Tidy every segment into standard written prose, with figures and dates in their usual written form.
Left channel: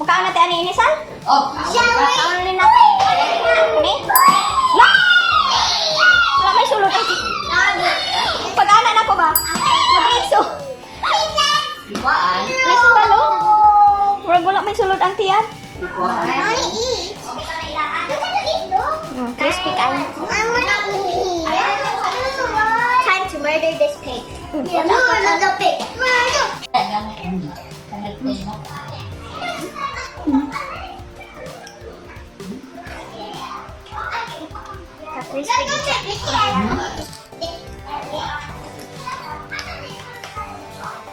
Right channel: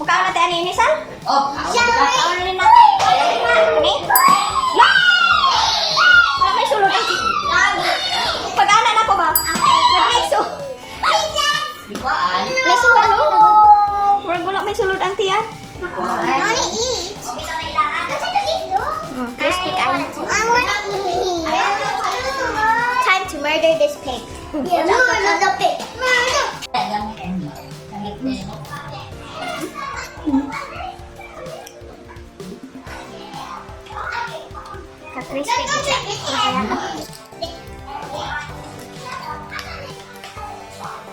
Mukha na tayo ni Sal? Oh, Ano na? Ni? La! Wala may sulod ay. Pag-ana na ko ba? Nag-mixo. ikuan. May sulod o? Wala may sulod ang tiyan. Ikuan. Crispy tayo. Time to murder this pig. Another pig. Ka-crispy.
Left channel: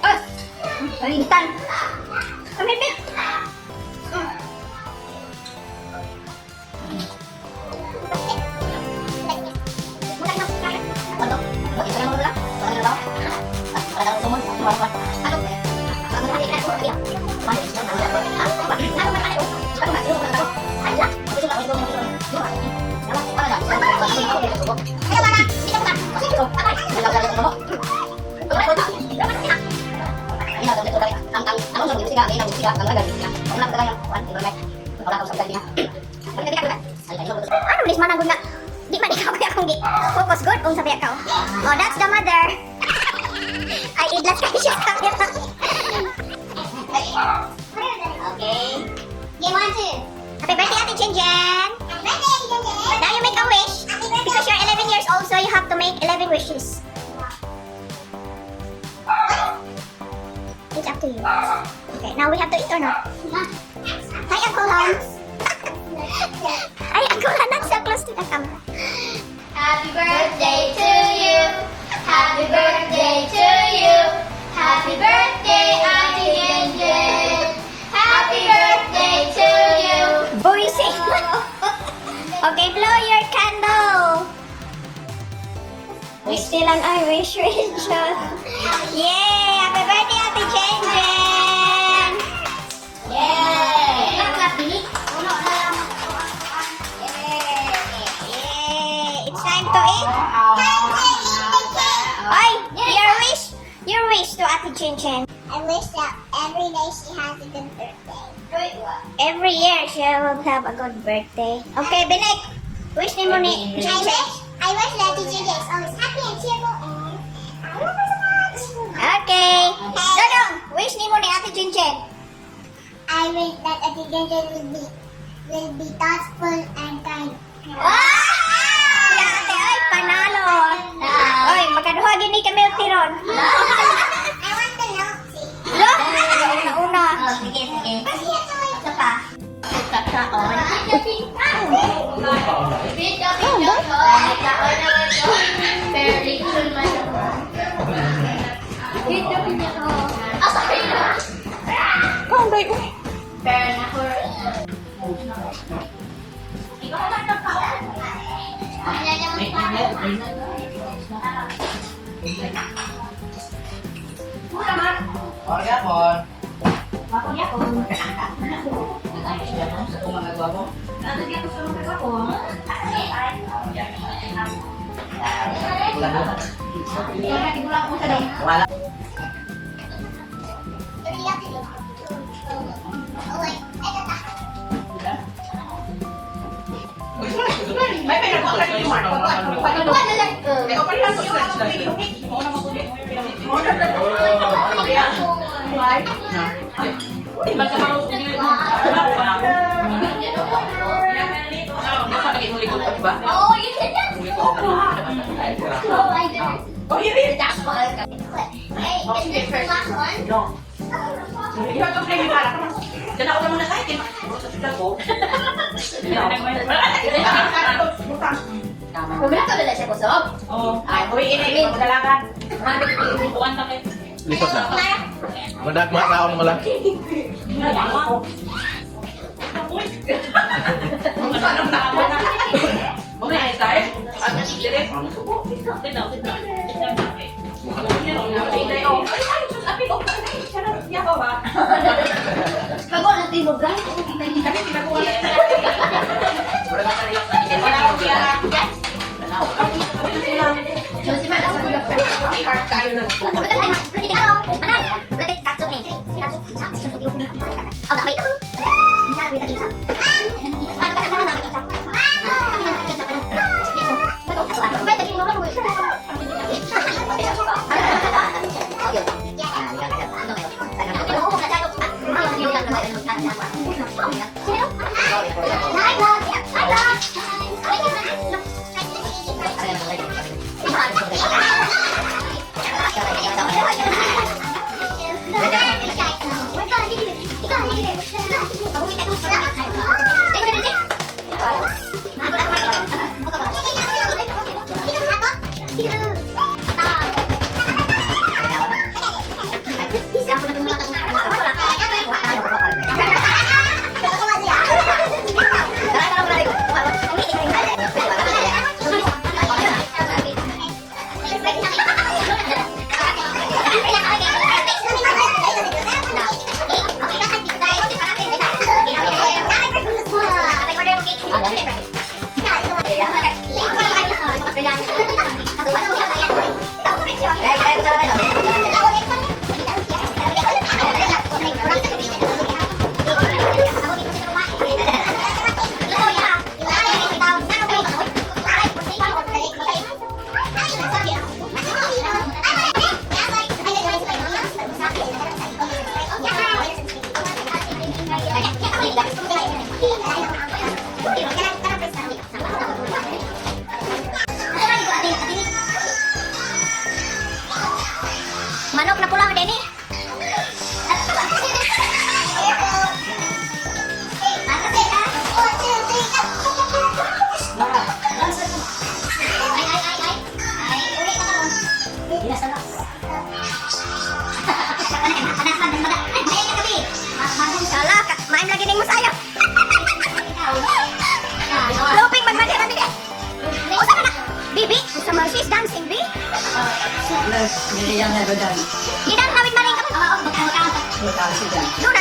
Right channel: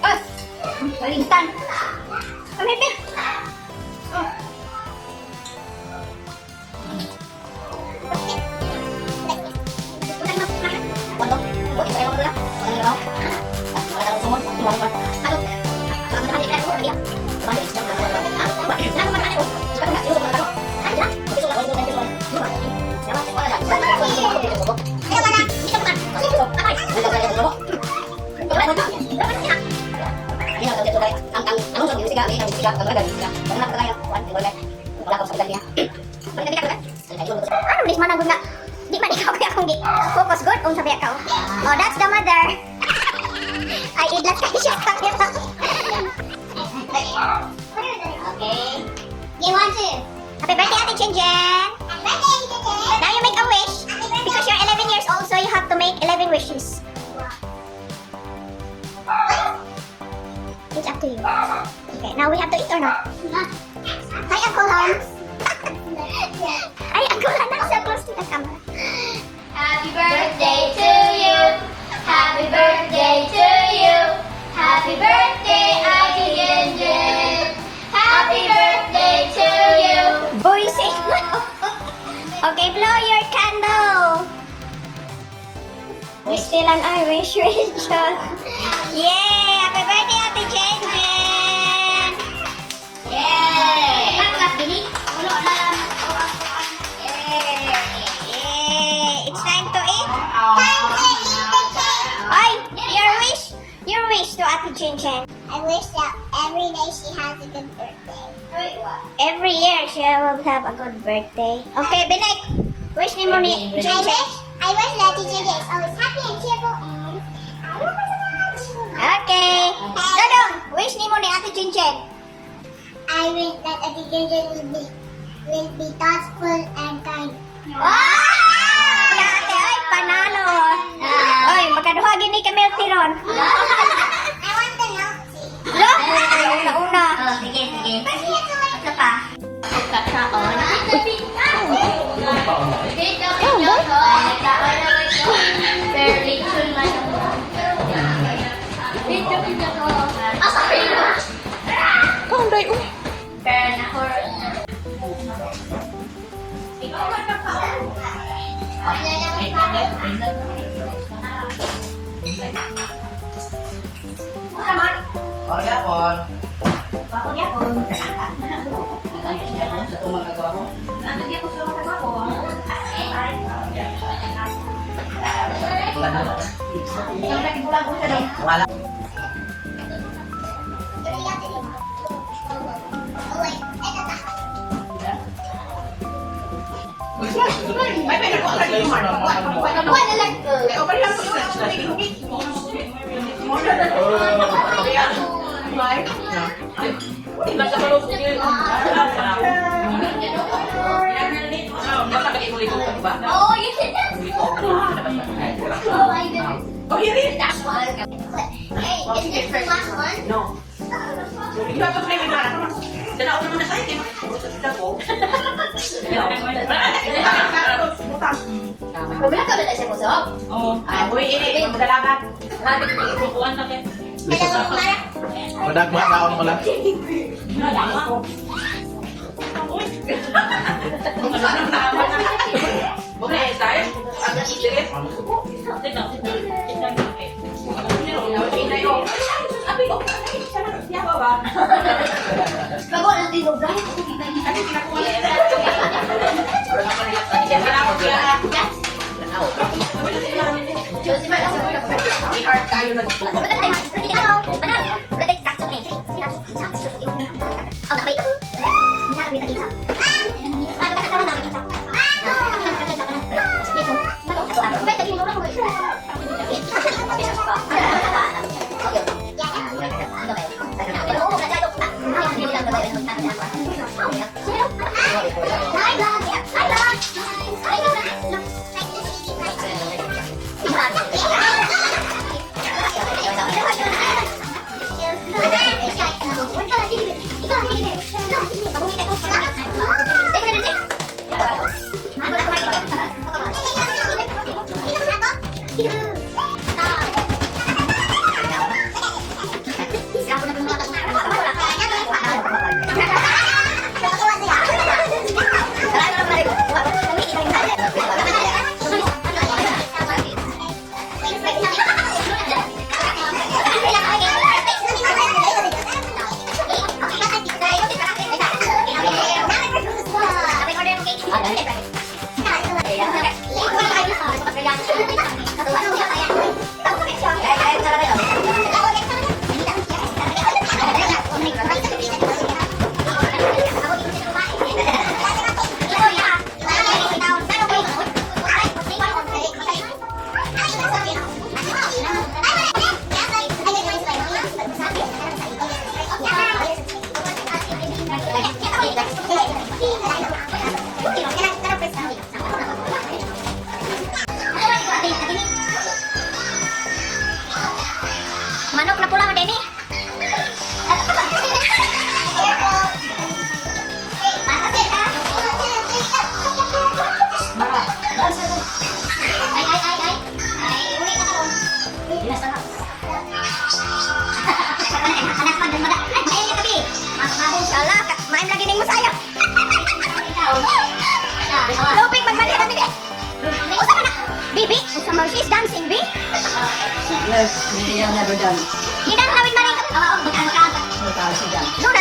Oh! Balitan. Kami pig. Ano bilis man ang guna? Di man ikaw kaya kung di focus good kung sabi ikaw. Oh, that's the mother. Ay, idlat kayo siya sa kanya. Okay. You want to? Happy birthday, Ate Jen Jen. Now you make a wish. Because you're 11 years old, so you have to make 11 wishes. It's up to you. Okay, now we have to eat or not? Hi, Uncle Hans. Ay, Uncle Hans, that's so close to the camera. Happy birthday to you. Happy birthday to you. Happy birthday, Auntie Jen. Happy birthday to you. Voicing. Okay, blow your candle. Wish nilang ay wish. Yay! Happy birthday, Ate Jen Jen. Yay! Yay! It's time to eat. Ay, your wish to Ate Jen Jen. I wish that every day she has a good birthday. Every year she will have a good birthday. Okay, Binek. Wish ni mo ni Jen Jen. I wish that teacher is always happy and cheerful and I love her so much. Okay. Dodong, wish ni mo ni Ate Jen Jen. I wish that a teacher will be thoughtful and kind. Ya, ate, ay, panalo. Oy, magkaduha gini ka milk tea ron. I want the milk tea. Lo, yung una. Sige. Isa pa. Kung day, uy. Wala. Oh, wait. Ay, kata. May pinagawa ka dito, Mark. Kuha na lang. Ikaw pa rin ang stretch na dito. Di ba sa parang yun? Dapat lagi ulit-ulit ka ba? Oh, you did that. Oh, I did it. Oh, hirit! Hey, is this the last one? No. Hindi ba ito play with Hara? Dala ko naman na sa itin. Sa suda ko. Wala ka ba na siya kusog? Oo. Uy, ini. Dalagan. Kuwan kami. Likod na. Madagma na ako lang. Anong tama na? Bumaya tayo. Ang sirit. Kago na tinog guys. Okay. Manok na pula mo, Denny. Salah, main lagi ning saya. Lupik magbalik kami deh. Usa ka na. Bibi, usa mo sis dancing bi. Yes, hindi yan nga doon. Idan nawid maring. Magkakasi dyan. Duda